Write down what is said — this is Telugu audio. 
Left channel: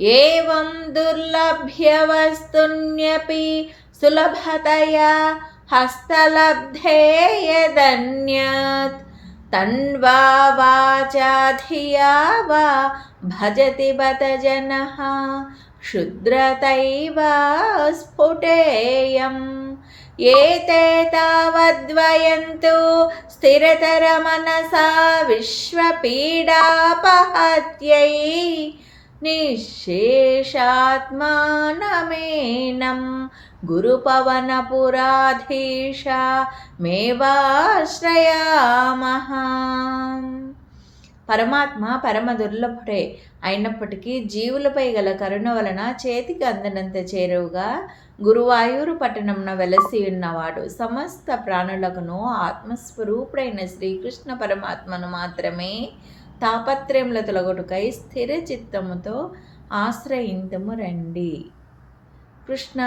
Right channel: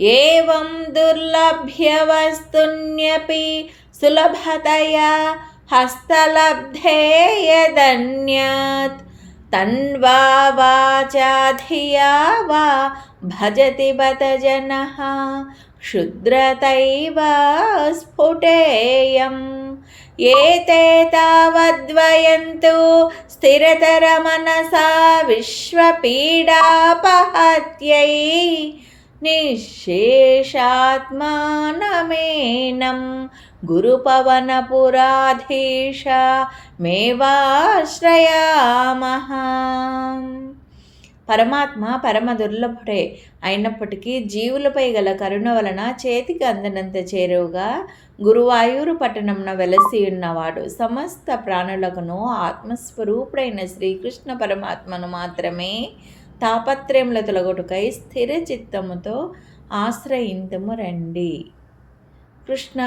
ఏవం దుర్లభ్యవస్తున్యపి సులభతయా హస్తలబ్ధే యదన్యత్ తన్వా వాచా ధియా వా భజతి బత జనః క్షుద్రతైవ స్ఫుటేయం. ఏతే తావద్వయంతు స్థిరతరమనసా విశ్వపీడాపహత్యై నిశ్శేషాత్మానమేనం గురుపవనపురాధీశ మేవాశ్రయామః. పరమాత్మ పరమ దుర్లభుడే అయినప్పటికీ జీవులపై గల కరుణ వలన చేతికి అందనంత చేరువుగా గురువాయూరు పట్టణంన వెలసి ఉన్నవాడు. సమస్త ప్రాణులకును ఆత్మస్వరూపుడైన శ్రీకృష్ణ పరమాత్మను మాత్రమే తాపత్రయముల తొలగొట్టుకై స్థిర చిత్తముతో ఆశ్రయింతుము రండి. కృష్ణ.